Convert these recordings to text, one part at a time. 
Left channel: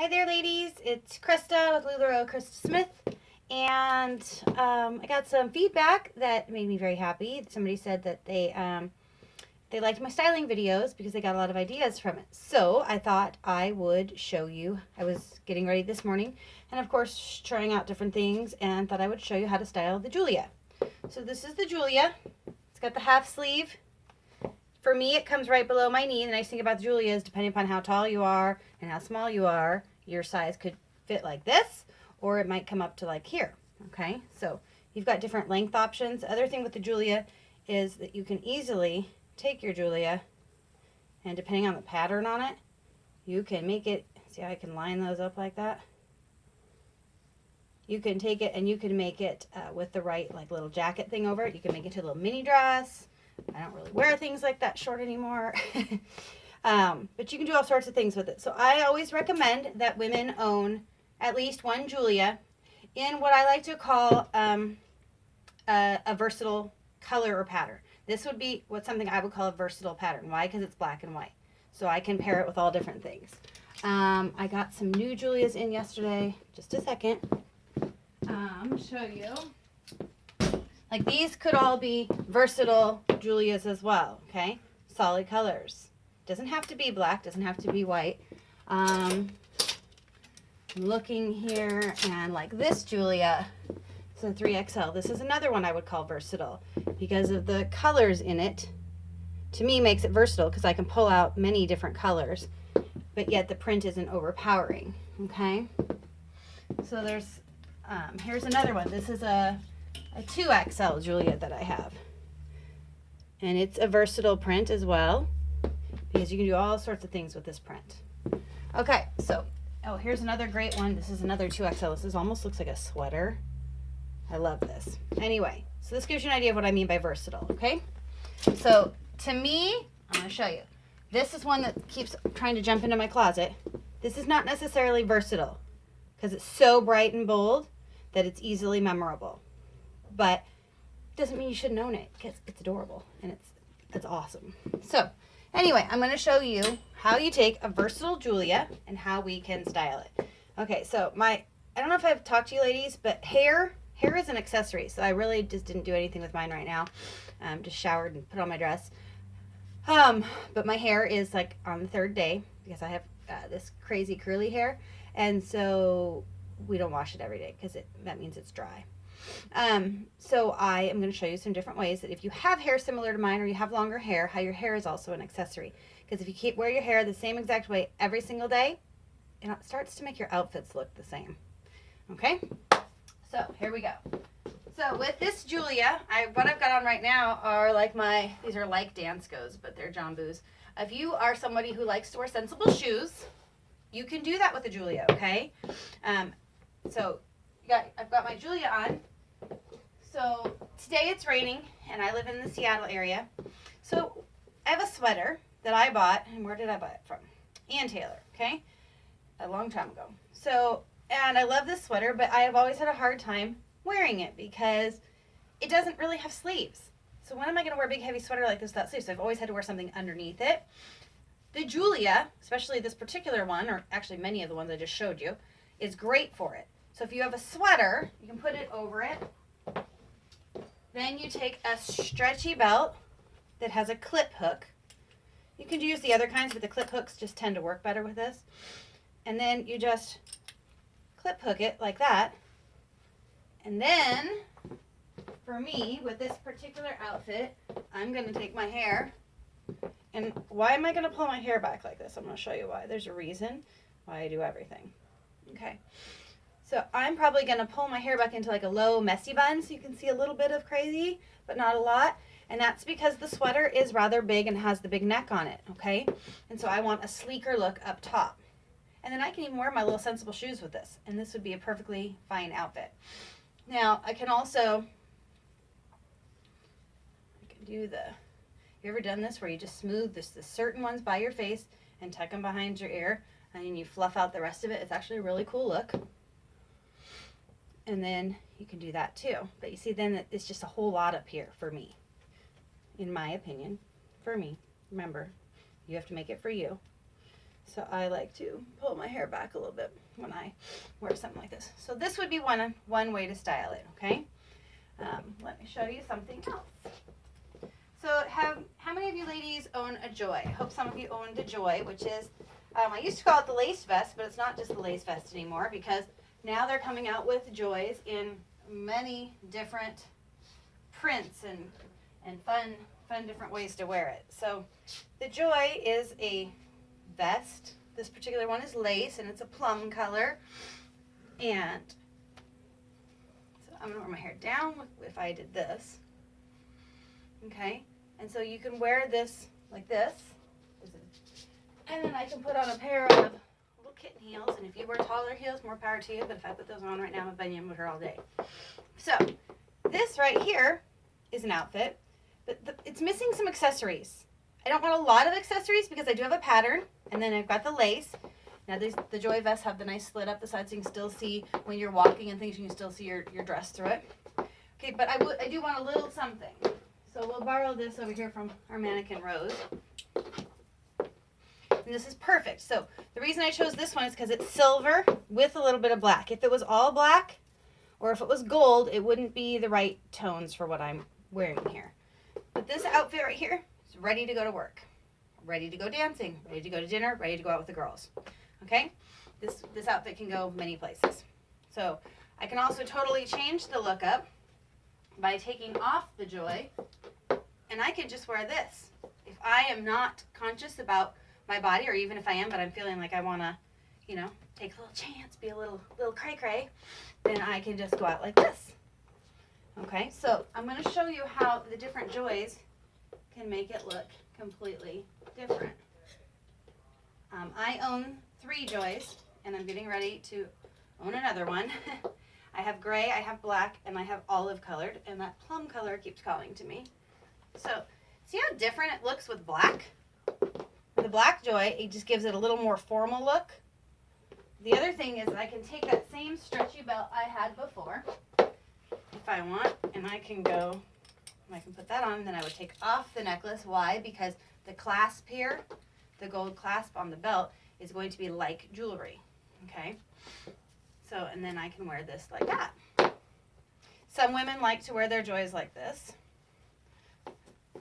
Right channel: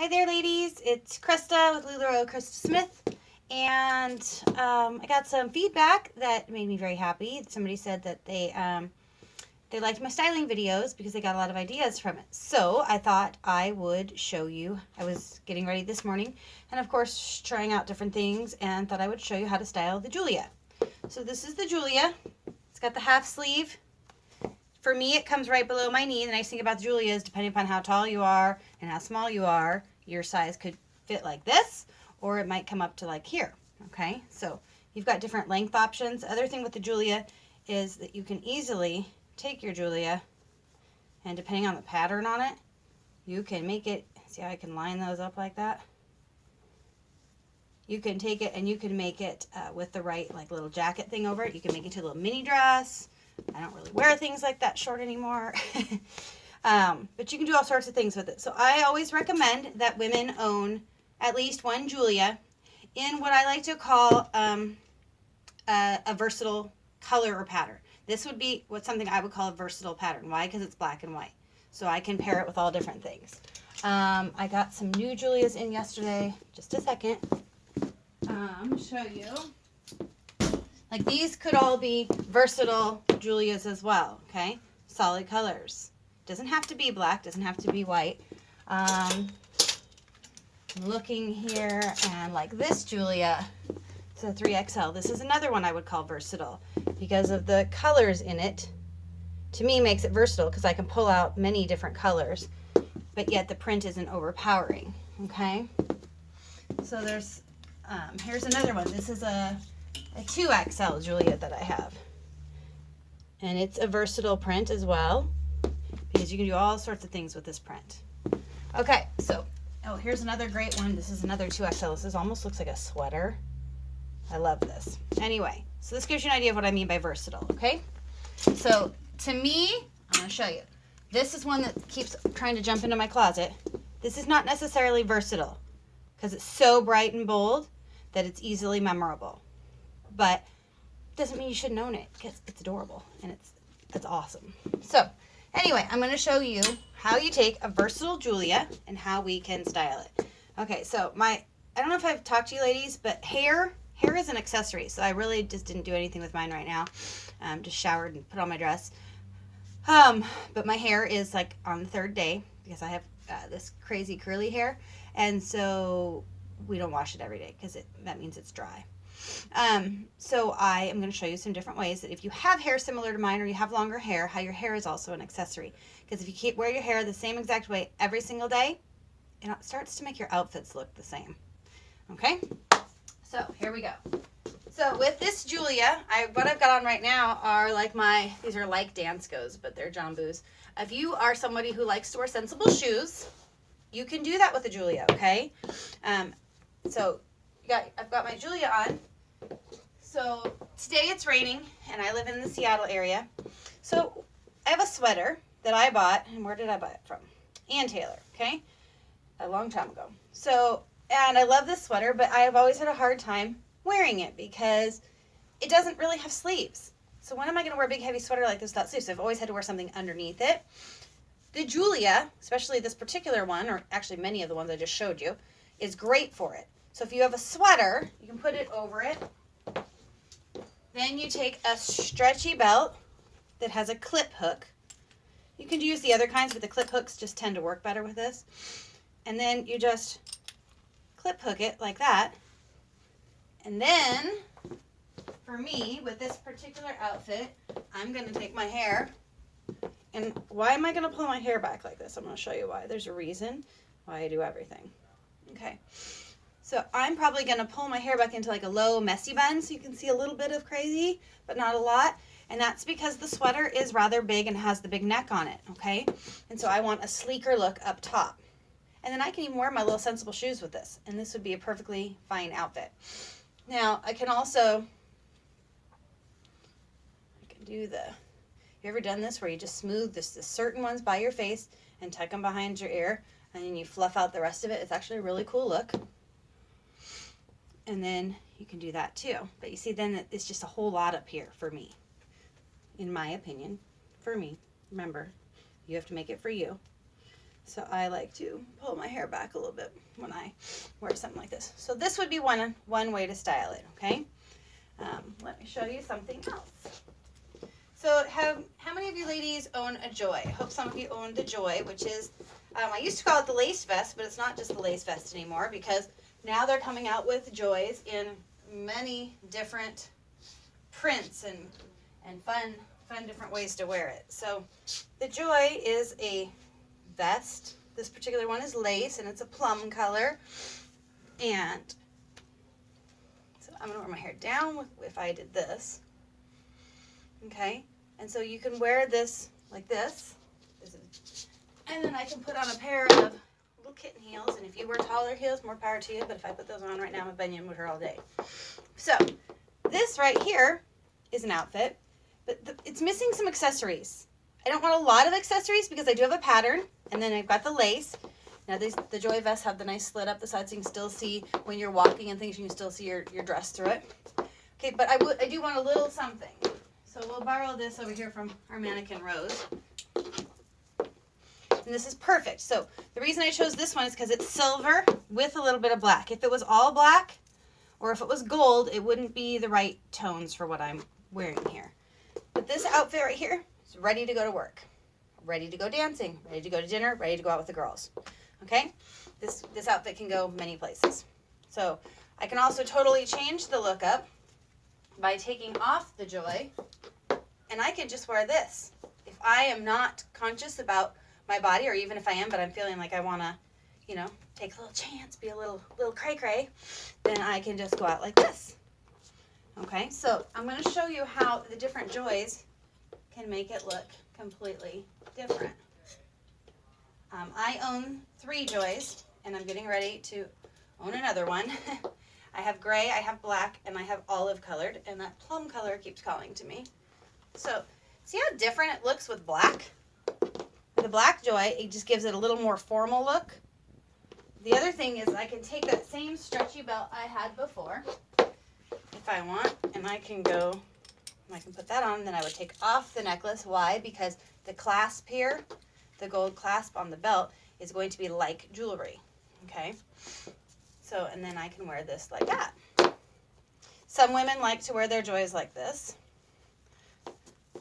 Hi there, ladies. It's Krista with Lularoe, Krista Smith. And I got some feedback that made me very happy. Somebody said that they liked my styling videos because they got a lot of ideas from it. So I thought I would show you. I was getting ready this morning and, of course, trying out different things and thought I would show you how to style the Julia. So this is the Julia. It's got the half sleeve. For me, it comes right below my knee. The nice thing about the Julia is depending upon how tall you are and how small you are, your size could fit like this, or it might come up to like here. Okay, so you've got different length options. The other thing with the Julia is that you can easily take your Julia, and depending on the pattern on it, you can make it, see how I can line those up like that? You can take it and you can make it with the right like little jacket thing over it. You can make it into a little mini dress. I don't really wear things like that short anymore. But you can do all sorts of things with it. So I always recommend that women own at least one Julia in what I like to call a versatile color or pattern. This would be something I would call a versatile pattern. Why? Because it's black and white. So I can pair it with all different things. I got some new Julias in yesterday. Just a second. Show you. Like these could all be versatile Julias as well, okay? Solid colors. Doesn't have to be black, doesn't have to be white. I'm looking here and like this Julia, it's a 3XL. This is another one I would call versatile because of the colors in it. To me, makes it versatile because I can pull out many different colors, but yet the print isn't overpowering, okay? So there's, here's another one. This is a 2XL Julia that I have. And it's a versatile print as well because you can do all sorts of things with this print. Okay, so, here's another great one. This is another 2XL. This almost looks like a sweater. I love this. Anyway, so this gives you an idea of what I mean by versatile, okay? So, to me, I'm going to show you. This is one that keeps trying to jump into my closet. This is not necessarily versatile because it's so bright and bold that it's easily memorable. But doesn't mean you shouldn't own it because it's adorable and it's awesome. So anyway, I'm going to show you how you take a versatile Julia and how we can style it. Okay, so I don't know if I've talked to you ladies, but hair is an accessory. So I really just didn't do anything with mine right now. Just showered and put on my dress. But my hair is like on the third day because I have this crazy curly hair, and so we don't wash it every day because that means it's dry. So I am going to show you some different ways that if you have hair similar to mine or you have longer hair, how your hair is also an accessory. Because if you wear your hair the same exact way every single day, it starts to make your outfits look the same. Okay? So here we go. So with this Julia, what I've got on right now are these are like Danskos, but they're Jambus. If you are somebody who likes to wear sensible shoes, you can do that with a Julia, okay? So I've got my Julia on. So today it's raining and I live in the Seattle area. So I have a sweater that I bought, and where did I buy it from? Ann Taylor, okay? A long time ago. So, and I love this sweater, but I have always had a hard time wearing it because it doesn't really have sleeves. So when am I going to wear a big heavy sweater like this without sleeves? So I've always had to wear something underneath it. The Julia, especially this particular one, or actually many of the ones I just showed you, is great for it. So if you have a sweater, you can put it over it. Then you take a stretchy belt that has a clip hook. You can use the other kinds, but the clip hooks just tend to work better with this. And then you just clip hook it like that. And then, for me, with this particular outfit, I'm going to take my hair. And why am I going to pull my hair back like this? I'm going to show you why. There's a reason why I do everything. Okay. So I'm probably going to pull my hair back into like a low messy bun so you can see a little bit of crazy, but not a lot. And that's because the sweater is rather big and has the big neck on it, okay? And so I want a sleeker look up top. And then I can even wear my little sensible shoes with this, and this would be a perfectly fine outfit. Now, I can also you ever done this where you just smooth the certain ones by your face and tuck them behind your ear, and then you fluff out the rest of it? It's actually a really cool look. And then you can do that too. But you see, then it's just a whole lot up here for me. In my opinion, for me. Remember, you have to make it for you. So I like to pull my hair back a little bit when I wear something like this. So this would be one way to style it, okay? Let me show you something else. So how many of you ladies own a Joy? I hope some of you own the Joy, which is, I used to call it the lace vest, but it's not just the lace vest anymore because now they're coming out with Joys in many different prints and fun different ways to wear it. So the Joy is a vest. This particular one is lace and it's a plum color. And so I'm gonna wear my hair down if I did this. Okay, and so you can wear this like this. And then I can put on a pair of little kitten heels. And if you wear taller heels, more power to you. But if I put those on right now, I'm a bunion with her all day. So this right here is an outfit, but it's missing some accessories. I don't want a lot of accessories because I do have a pattern, and then I've got the lace. Now the Joy vests have the nice slit up the side so you can still see when you're walking and things, you can still see your dress through it. Okay, but I do want a little something. So we'll borrow this over here from our mannequin Rose. And this is perfect. So the reason I chose this one is because it's silver with a little bit of black. If it was all black or if it was gold, it wouldn't be the right tones for what I'm wearing here. But this outfit right here is ready to go to work, ready to go dancing, ready to go to dinner, ready to go out with the girls. Okay? This outfit can go many places. So I can also totally change the look up by taking off the Joy, and I can just wear this. If I am not conscious about my body, or even if I am, but I'm feeling like I want to, you know, take a little chance, be a little cray-cray, then I can just go out like this. Okay, so I'm going to show you how the different Joys can make it look completely different. I own 3 Joys, and I'm getting ready to own another one. I have gray, I have black, and I have olive colored, and that plum color keeps calling to me. So, see how different it looks with black? The black Joy, it just gives it a little more formal look. The other thing is I can take that same stretchy belt I had before, if I want, and I can put that on, then I would take off the necklace. Why? Because the clasp here, the gold clasp on the belt, is going to be like jewelry, okay? So, and then I can wear this like that. Some women like to wear their Joys like this.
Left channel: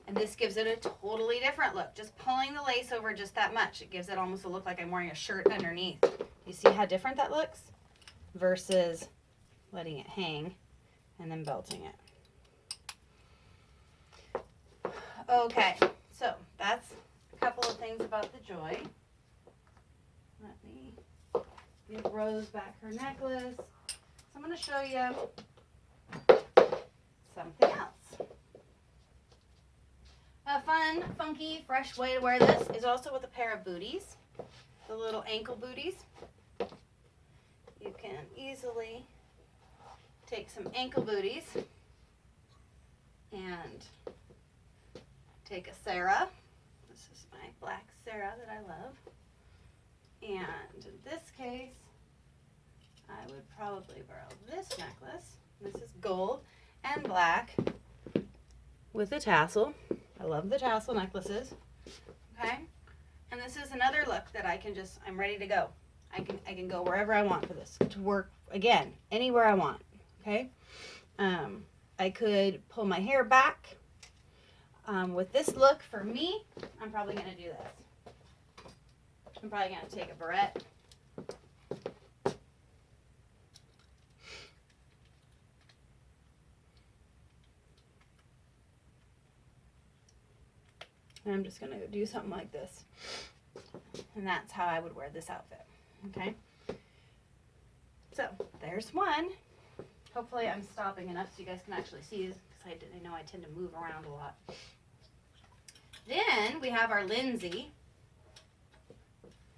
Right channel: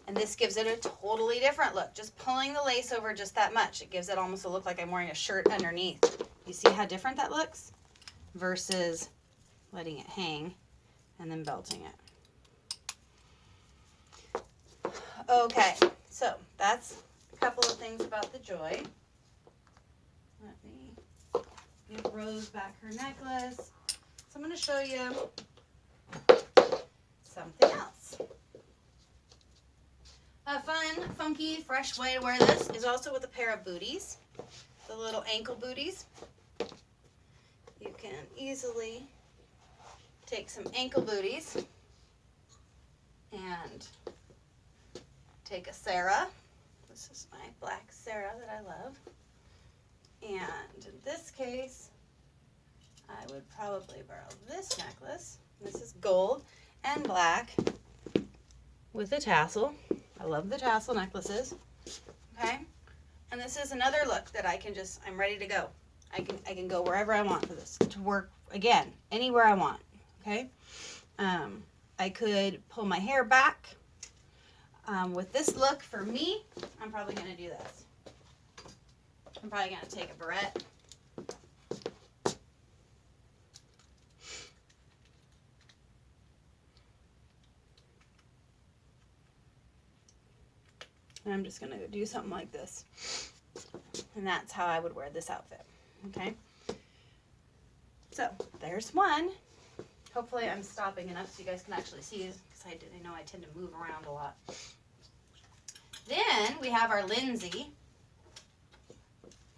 And this gives it a totally different look. Just pulling the lace over just that much. It gives it almost a look like I'm wearing a shirt underneath. You see how different that looks? Versus letting it hang and then belting it. Okay, so that's a couple of things about the Joy. Let me give Rose back her necklace. So I'm going to show you something else. A fun, funky, fresh way to wear this is also with a pair of booties, the little ankle booties. You can easily take some ankle booties and take a Sarah. This is my black Sarah that I love. And in this case, I would probably borrow this necklace. This is gold and black with a tassel. I love the tassel necklaces. Okay? And this is another look that I'm ready to go. I can go wherever I want for this. To work, again, anywhere I want. Okay? I could pull my hair back. With this look, for me, I'm probably going to do this. I'm probably going to take a barrette. And I'm just going to do something like this. And that's how I would wear this outfit. Okay? So, there's one. Hopefully I'm stopping enough so you guys can actually see this, because I know I tend to move around a lot. Then we have our Lindsay.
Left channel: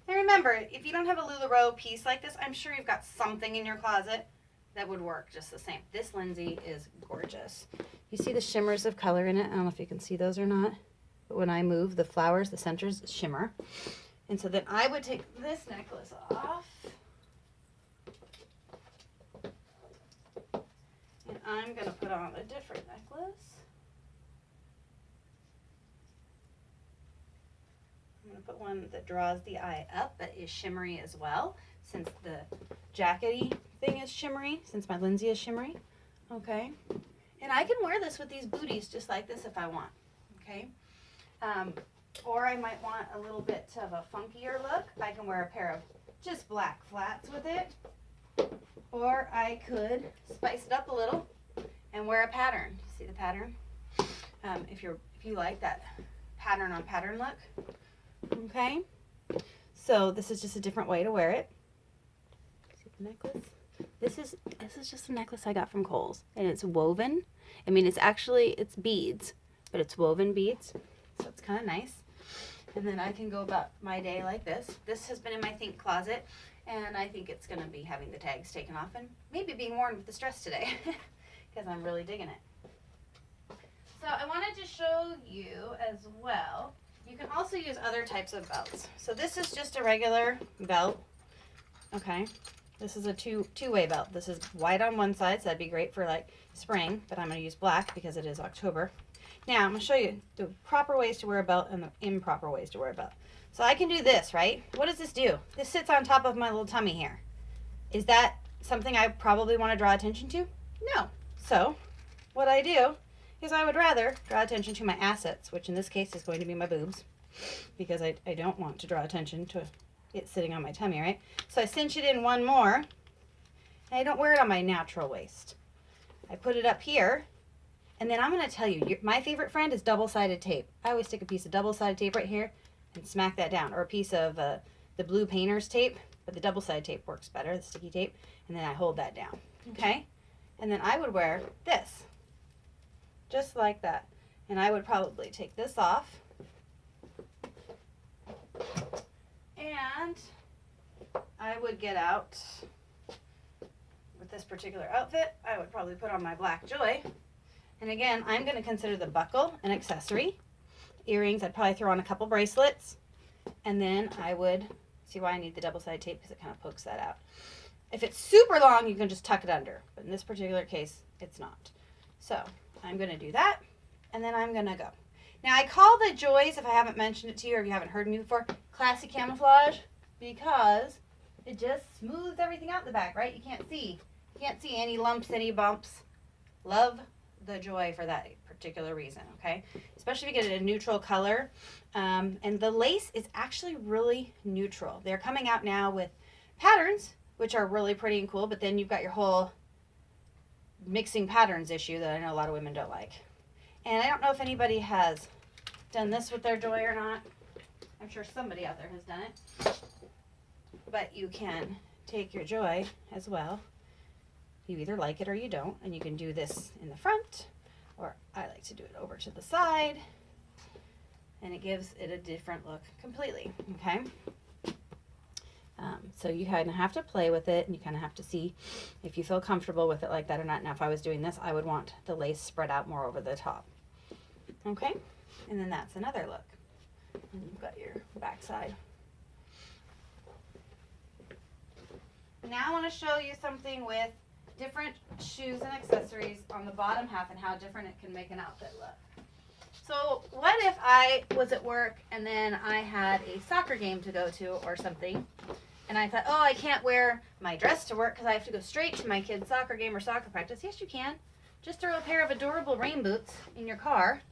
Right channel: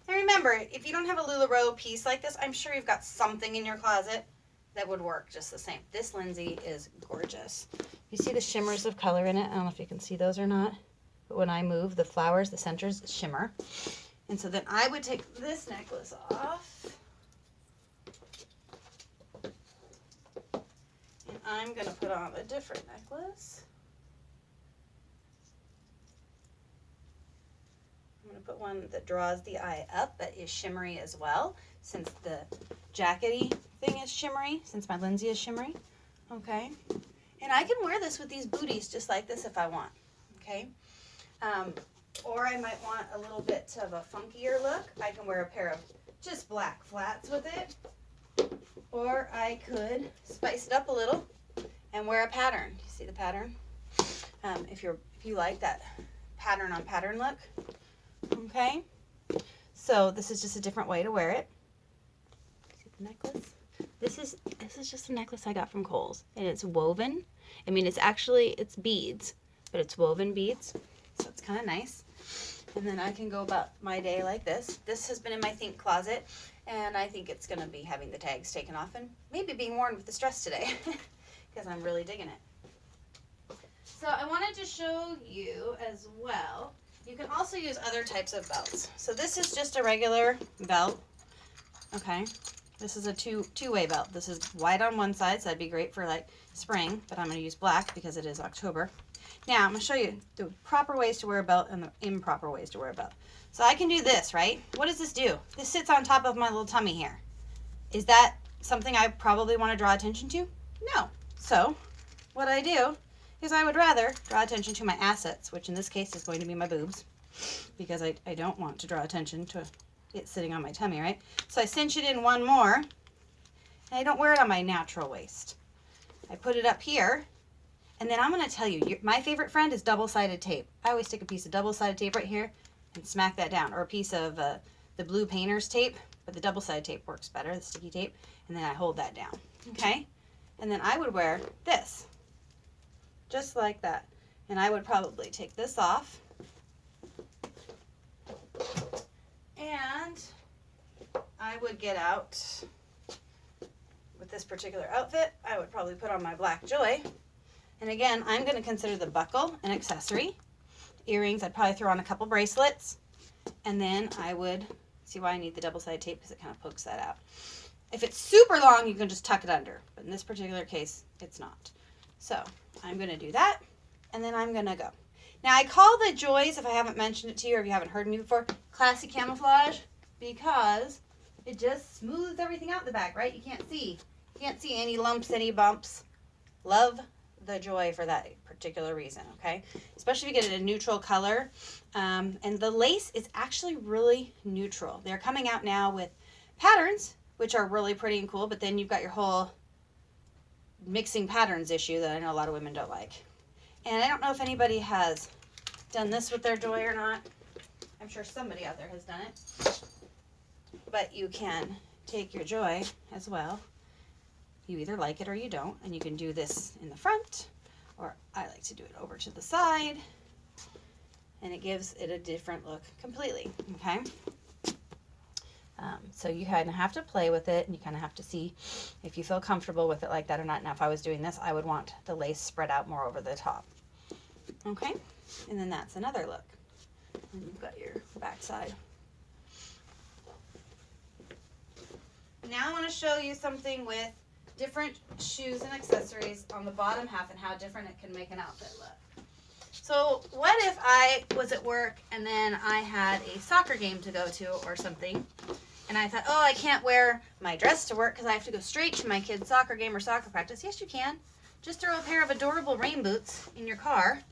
And remember, if you don't have a Lularoe piece like this, I'm sure you've got something in your closet that would work just the same. This Lindsay is gorgeous. You see the shimmers of color in it? I don't know if you can see those or not. But when I move, the flowers, the centers shimmer. And so then I would take this necklace off. And I'm going to put on a different necklace. I'm going to put one that draws the eye up but is shimmery as well, since the jackety thing is shimmery, since my Lindsay is shimmery. Okay. And I can wear this with these booties just like this if I want. Okay. Or I might want a little bit of a funkier look. I can wear a pair of just black flats with it. Or I could spice it up a little and wear a pattern. See the pattern? If you like that pattern on pattern look. Okay. So this is just a different way to wear it. See the necklace? This is just a necklace I got from Kohl's, and it's woven. I mean, it's beads, but it's woven beads. So it's kind of nice. And then I can go about my day like this. This has been in my think closet, and I think it's going to be having the tags taken off and maybe being worn with the dress today because I'm really digging it. So I wanted to show you as well. You can also use other types of belts. So this is just a regular belt. Okay. This is a two-way belt. This is white on one side, so that'd be great for like spring, but I'm going to use black because it is October. Now, I'm going to show you the proper ways to wear a belt and the improper ways to wear a belt. So I can do this, right? What does this do? This sits on top of my little tummy here. Is that something I probably want to draw attention to? No. So what I do is I would rather draw attention to my assets, which in this case is going to be my boobs, because I don't want to draw attention to it sitting on my tummy, right? So I cinch it in one more, and I don't wear it on my natural waist. I put it up here, and then I'm going to tell you, my favorite friend is double-sided tape. I always stick a piece of double-sided tape right here and smack that down, or a piece of the blue painter's tape, but the double-sided tape works better, the sticky tape, and then I hold that down, okay? And then I would wear this, just like that, and I would probably take this off, and I would get out with this particular outfit. I would probably put on my black joy. And again, I'm going to consider the buckle an accessory. Earrings, I'd probably throw on a couple bracelets. And then I would, see why I need the double-sided tape, because it kind of pokes that out. If it's super long, you can just tuck it under. But in this particular case, it's not. So I'm going to do that. And then I'm going to go. Now, I call the joys, if I haven't mentioned it to you or if you haven't heard me before, classy camouflage, because it just smooths everything out in the back, right? You can't see. You can't see any lumps, any bumps. Love the joy for that particular reason, okay? Especially if you get it a neutral color. And the lace is actually really neutral. They're coming out now with patterns, which are really pretty and cool, but then you've got your whole mixing patterns issue that I know a lot of women don't like. And I don't know if anybody has done this with their joy or not. I'm sure somebody out there has done it. But you can take your joy as well. You either like it or you don't. And you can do this in the front, or I like to do it over to the side. And it gives it a different look completely, okay? So you kind of have to play with it, and you kind of have to see if you feel comfortable with it like that or not. Now, if I was doing this, I would want the lace spread out more over the top. Okay? And then that's another look. And you've got your back side. Now I want to show you something with different shoes and accessories on the bottom half and how different it can make an outfit look. So what if I was at work and then I had a soccer game to go to or something, and I thought, oh, I can't wear my dress to work because I have to go straight to my kid's soccer game or soccer practice. Yes, you can. Just throw a pair of adorable rain boots in your car,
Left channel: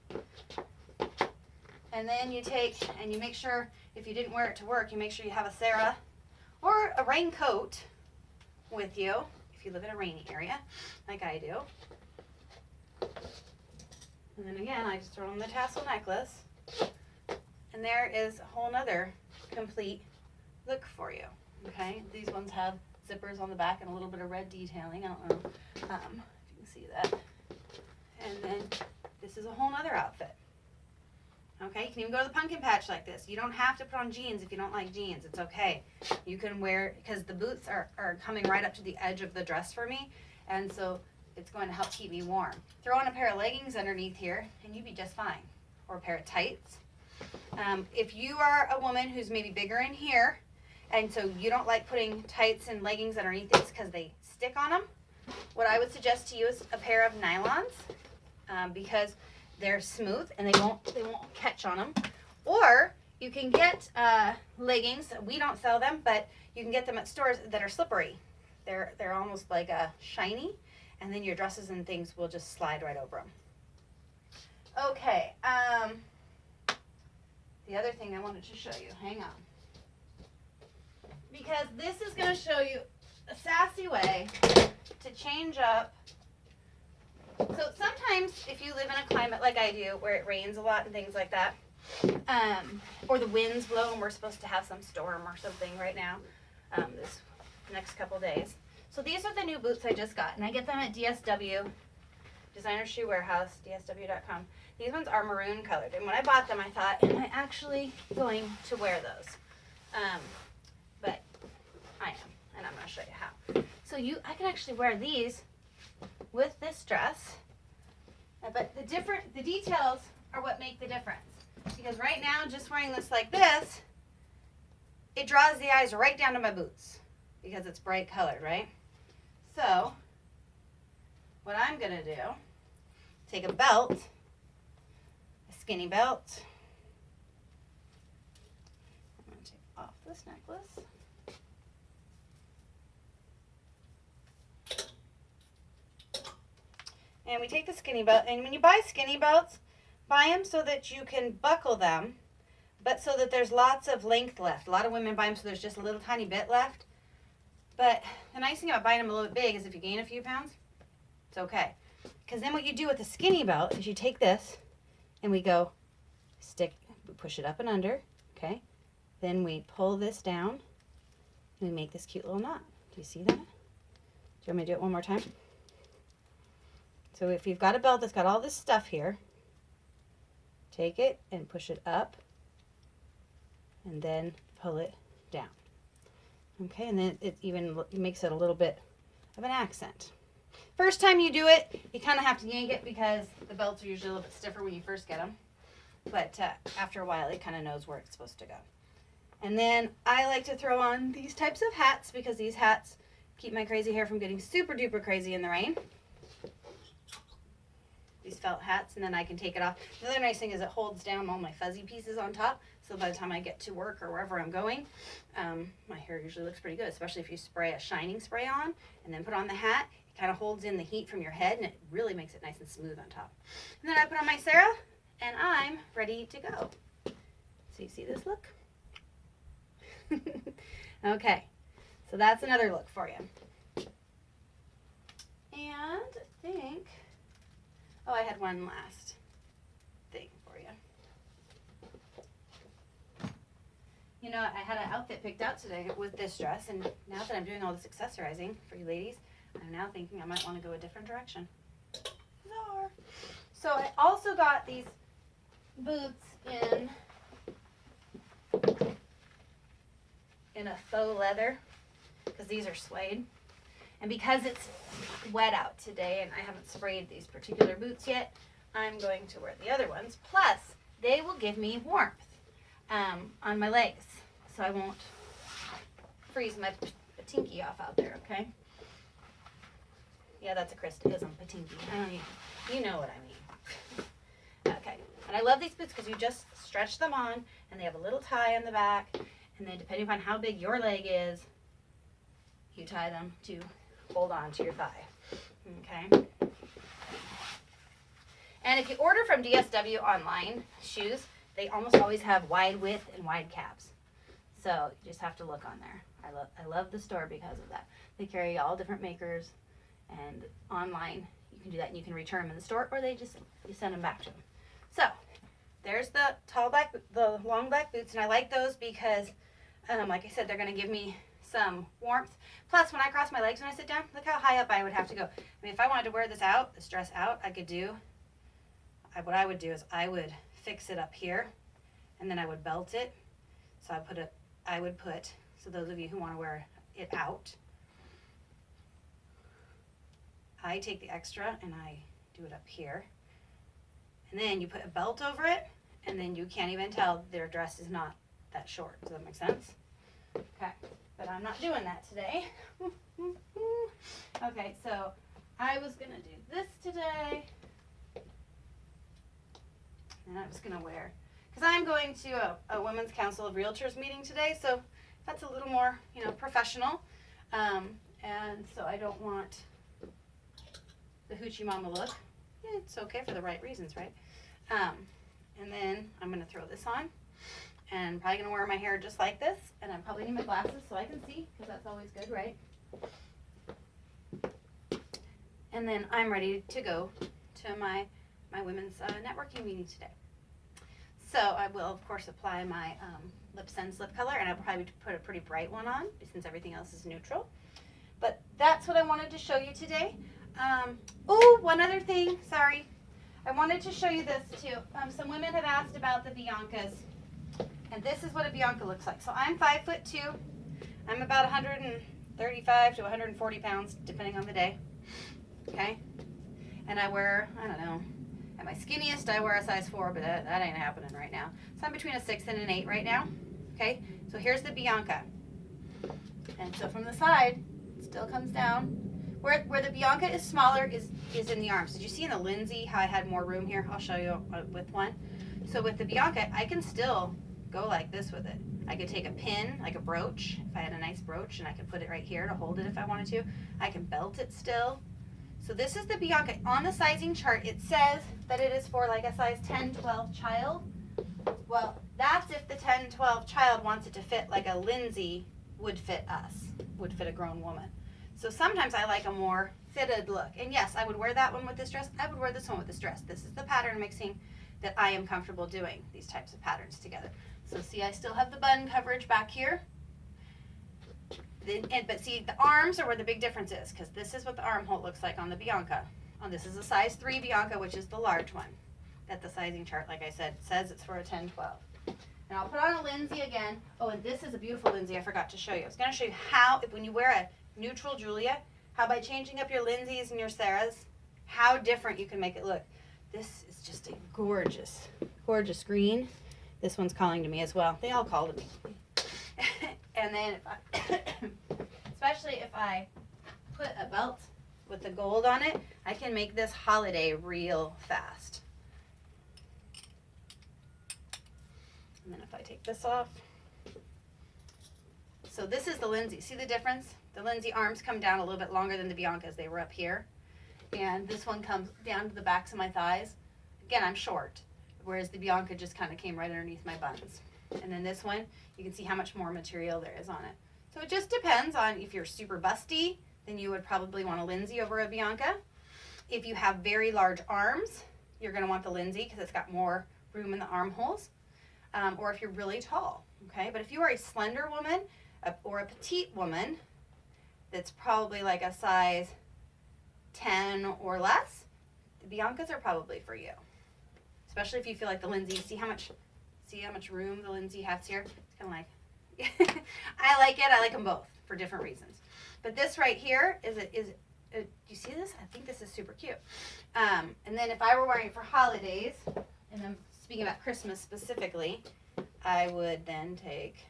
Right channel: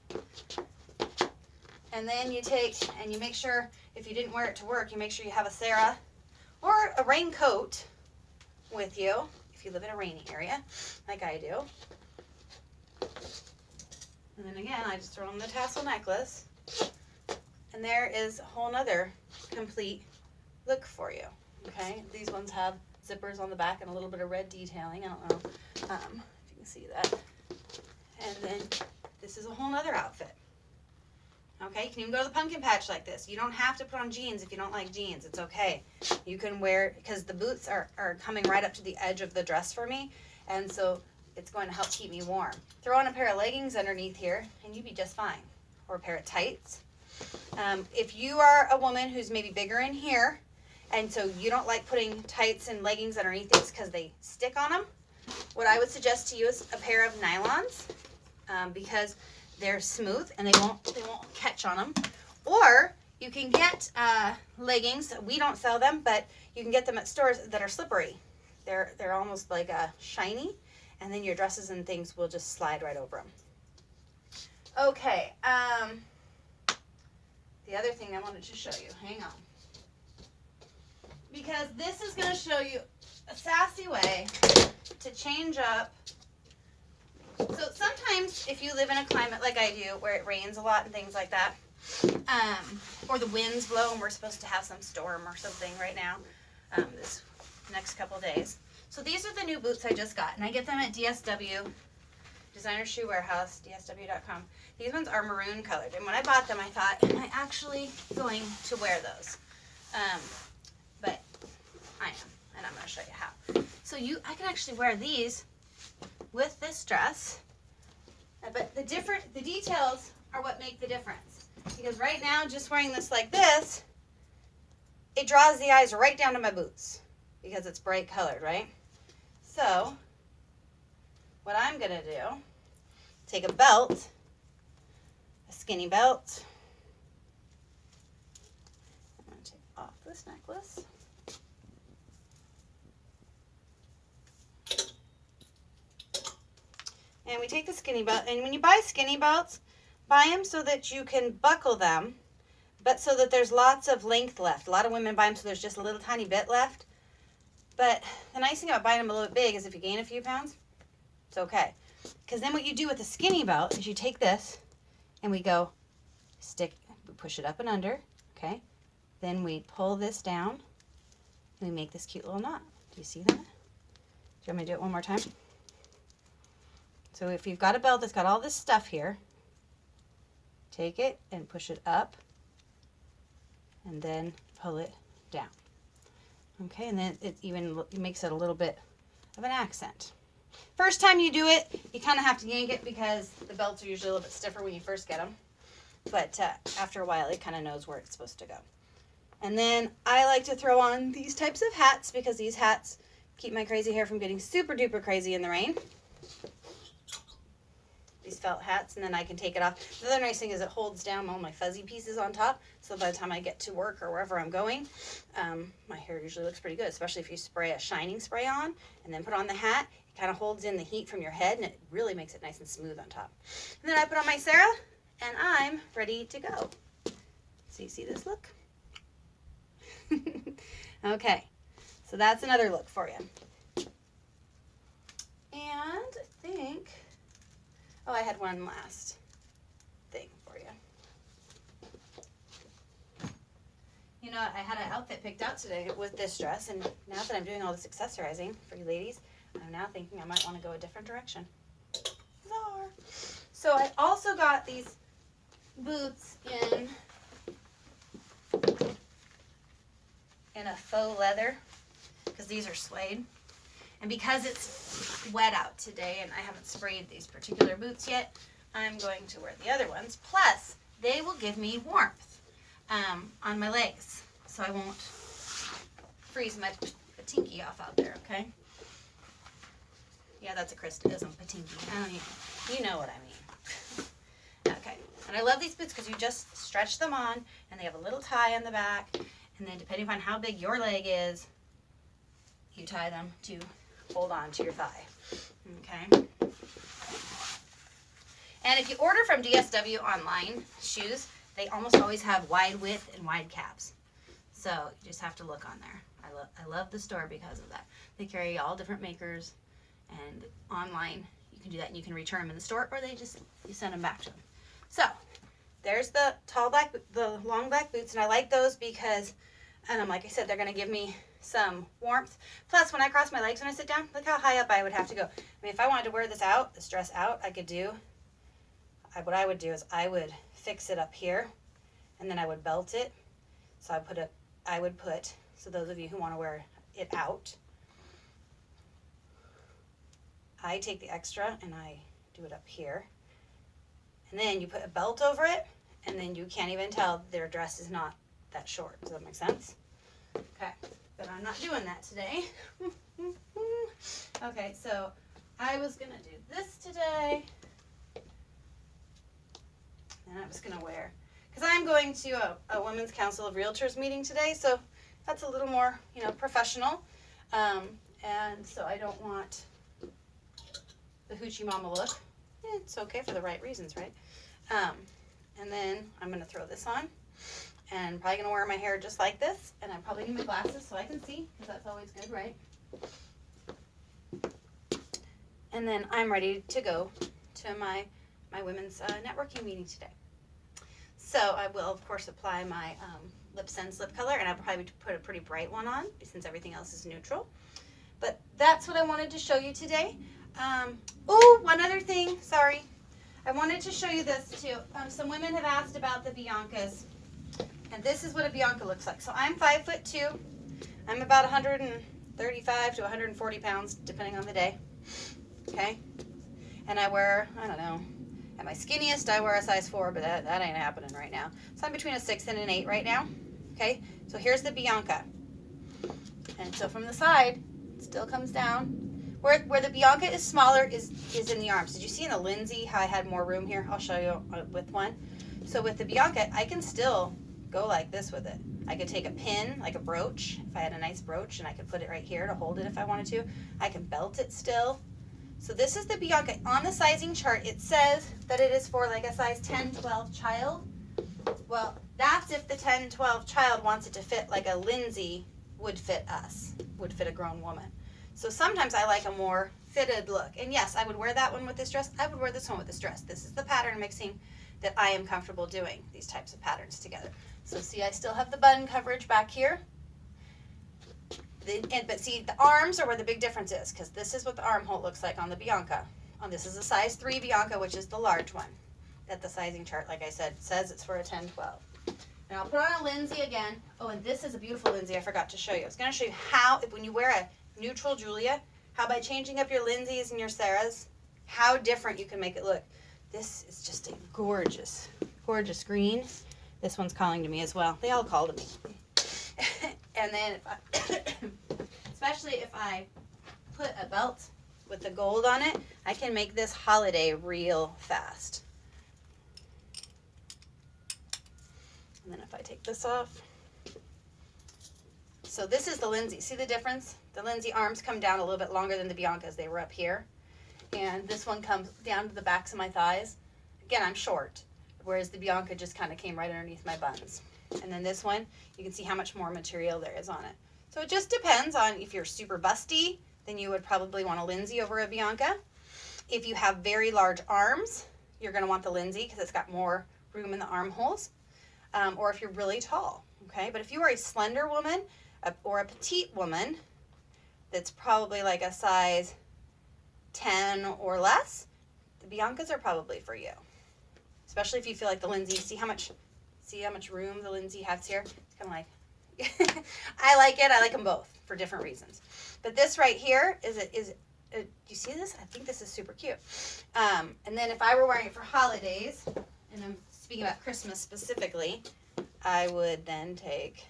and then you take and you make sure, if you didn't wear it to work, you make sure you have a Sarah or a raincoat with you if you live in a rainy area like I do. And then again, I just throw on the tassel necklace, and there is a whole nother complete look for you. Okay, these ones have zippers on the back and a little bit of red detailing. I don't know if you can see that. And then this is a whole nother outfit. Okay, you can even go to the pumpkin patch like this. You don't have to put on jeans if you don't like jeans. It's okay. You can wear, because the boots are coming right up to the edge of the dress for me, and so it's going to help keep me warm. Throw on a pair of leggings underneath here, and you'd be just fine. Or a pair of tights. If you are a woman who's maybe bigger in here, and so you don't like putting tights and leggings underneath these because they stick on them, what I would suggest to you is a pair of nylons, because they're smooth and they won't catch on them. Or you can get leggings. We don't sell them, but you can get them at stores that are slippery. They're almost like shiny, and then your dresses and things will just slide right over them. Okay, the other thing I wanted to show you, hang on. Because this is going to show you a sassy way to change up. So sometimes if you live in a climate like I do, where it rains a lot and things like that, or the winds blow and we're supposed to have some storm or something right now, this next couple days. So these are the new boots I just got, and I get them at DSW, Designer Shoe Warehouse, dsw.com. These ones are maroon colored, and when I bought them I thought, am I actually going to wear those? But I am, and I'm going to show you how. So I can actually wear these with this dress, but the details are what make the difference. Because right now, just wearing this like this, it draws the eyes right down to my boots because it's bright colored, right? So what I'm going to do, take a belt, a skinny belt. I'm going to take off this necklace. And we take the skinny belt, and when you buy skinny belts, buy them so that you can buckle them, but so that there's lots of length left. A lot of women buy them so there's just a little tiny bit left. But the nice thing about buying them a little bit big is if you gain a few pounds, it's okay. Because then what you do with the skinny belt is you take this, and we push it up and under, okay? Then we pull this down, and we make this cute little knot. Do you see that? Do you want me to do it one more time? So if you've got a belt that's got all this stuff here, take it and push it up and then pull it down. Okay, and then it even makes it a little bit of an accent. First time you do it, you kind of have to yank it because the belts are usually a little bit stiffer when you first get them. But after a while, it kind of knows where it's supposed to go. And then I like to throw on these types of hats because these hats keep my crazy hair from getting super duper crazy in the rain. These felt hats, and then I can take it off. The other nice thing is it holds down all my fuzzy pieces on top, so by the time I get to work or wherever I'm going, my hair usually looks pretty good, especially if you spray a shining spray on and then put on the hat. It kind of holds in the heat from your head, and it really makes it nice and smooth on top. And then I put on my Sarah, and I'm ready to go. So you see this look? Okay, so that's another look for you. And I think... oh, I had one last thing for you. You know, I had an outfit picked out today with this dress, and now that I'm doing all this accessorizing for you ladies, I'm now thinking I might want to go a different direction. Bizarre. So I also got these boots in a faux leather, because these are suede. And because it's wet out today and I haven't sprayed these particular boots yet, I'm going to wear the other ones. Plus, they will give me warmth on my legs, so I won't freeze my patinky off out there, okay? Yeah, that's a Christianism, patinky. You know what I mean. Okay, and I love these boots because you just stretch them on, and they have a little tie on the back, and then depending upon how big your leg is, you tie them to hold on to your thigh. Okay. And if you order from DSW online shoes, they almost always have wide width and wide calves. So you just have to look on there. I love the store because of that. They carry all different makers, and online you can do that, and you can return them in the store, or you send them back to them. So there's the long black boots, and I like those because, like I said, they're going to give me some warmth. Plus, when I cross my legs when I sit down, look how high up I would have to go. I mean, if I wanted to wear this dress out, what I would do is I would fix it up here, and then I would belt it. So so those of you who want to wear it out, I take the extra and I do it up here. And then you put a belt over it, and then you can't even tell their dress is not that short. Does that make sense? Okay. But I'm not doing that today. Okay, so I was going to do this today. And I'm just going to wear, because I am going to a Women's Council of Realtors meeting today, so that's a little more, you know, professional. And so I don't want the hoochie mama look. It's okay for the right reasons, right? And then I'm going to throw this on, and I'm probably going to wear my hair just like this, and I probably need my glasses so I can see, because that's always good, right? And then I'm ready to go to my women's networking meeting today. So I will, of course, apply my Lip Sense lip color, and I'll probably put a pretty bright one on since everything else is neutral. But that's what I wanted to show you today. Oh, one other thing, sorry. I wanted to show you this too. Some women have asked about the Biancas, and this is what a Bianca looks like. So I'm 5'2". I'm about 135 to 140 pounds, depending on the day. Okay, and I wear, I don't know, at my skinniest I wear a size 4, but that ain't happening right now. So I'm between a 6 and an 8 right now. Okay, so here's the Bianca, and so from the side, it still comes down. Where the Bianca is smaller is in the arms. Did you see in the Lindsay how I had more room here? I'll show you with one. So with the Bianca, I can still go like this with it. I could take a pin, like a brooch, if I had a nice brooch, and I could put it right here to hold it if I wanted to. I can belt it still. So this is the Bianca. On the sizing chart, it says that it is for like a size 10, 12 child. Well, that's if the 10, 12 child wants it to fit like a Lindsay would fit us, would fit a grown woman. So sometimes I like a more fitted look. And yes, I would wear that one with this dress. I would wear this one with this dress. This is the pattern mixing that I am comfortable doing, these types of patterns together. So see, I still have the bun coverage back here. But see, the arms are where the big difference is, because this is what the armhole looks like on the Bianca. This is a size 3 Bianca, which is the large one. That the sizing chart, like I said, says it's for a 10, 12. And I'll put on a Lindsay again. Oh, and this is a beautiful Lindsay I forgot to show you. I was going to show you how, when you wear a neutral Julia, how by changing up your Lindsays and your Sarahs, how different you can make it look. This is just a gorgeous, gorgeous green. This one's calling to me as well. They all call to me. And then, especially if I put a belt with the gold on it, I can make this holiday real fast. And then if I take this off. So this is the Lindsay. See the difference? The Lindsay arms come down a little bit longer than the Biancas. They were up here. And this one comes down to the backs of my thighs. Again, I'm short, whereas the Bianca just kind of came right underneath my buns. And then this one, you can see how much more material there is on it. So it just depends on if you're super busty, then you would probably want a Lindsay over a Bianca. If you have very large arms, you're going to want the Lindsay because it's got more room in the armholes. Or if you're really tall, okay? But if you are a slender woman or a petite woman that's probably like a size 10 or less, the Biancas are probably for you. Especially if you feel like the Lindsay, see how much room the Lindsay has here? It's kind of like, I like it. I like them both for different reasons. But this right here do you see this? I think this is super cute. And then if I were wearing it for holidays, and I'm speaking about Christmas specifically, I would then take,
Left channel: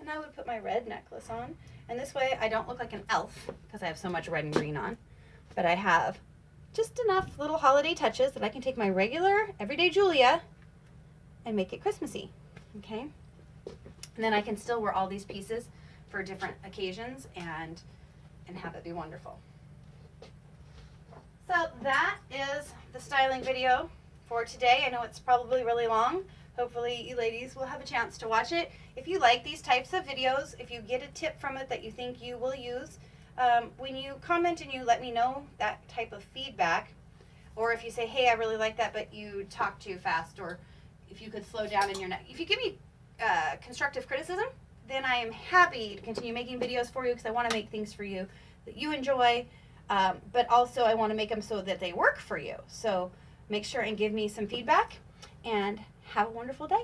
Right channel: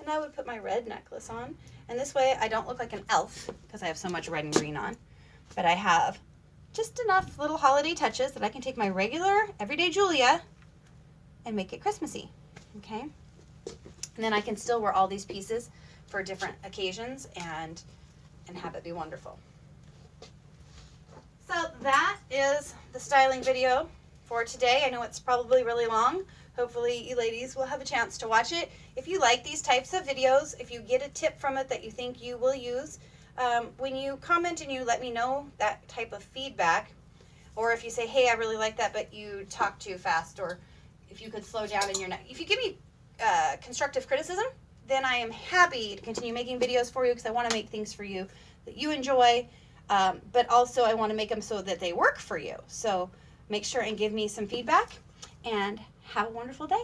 and I would put my red necklace on. And this way I don't look like an elf because I have so much red and green on. But I have just enough little holiday touches that I can take my regular everyday Julia and make it Christmassy, okay? And then I can still wear all these pieces for different occasions and have it be wonderful. So that is the styling video for today. I know it's probably really long. Hopefully you ladies will have a chance to watch it. If you like these types of videos, if you get a tip from it that you think you will use, when you comment and you let me know that type of feedback, or if you say, hey, I really like that, but you talk too fast, or if you could slow down in your neck. If you give me constructive criticism, then I am happy to continue making videos for you because I want to make things for you that you enjoy, but also I want to make them so that they work for you. So make sure and give me some feedback, and have a wonderful day.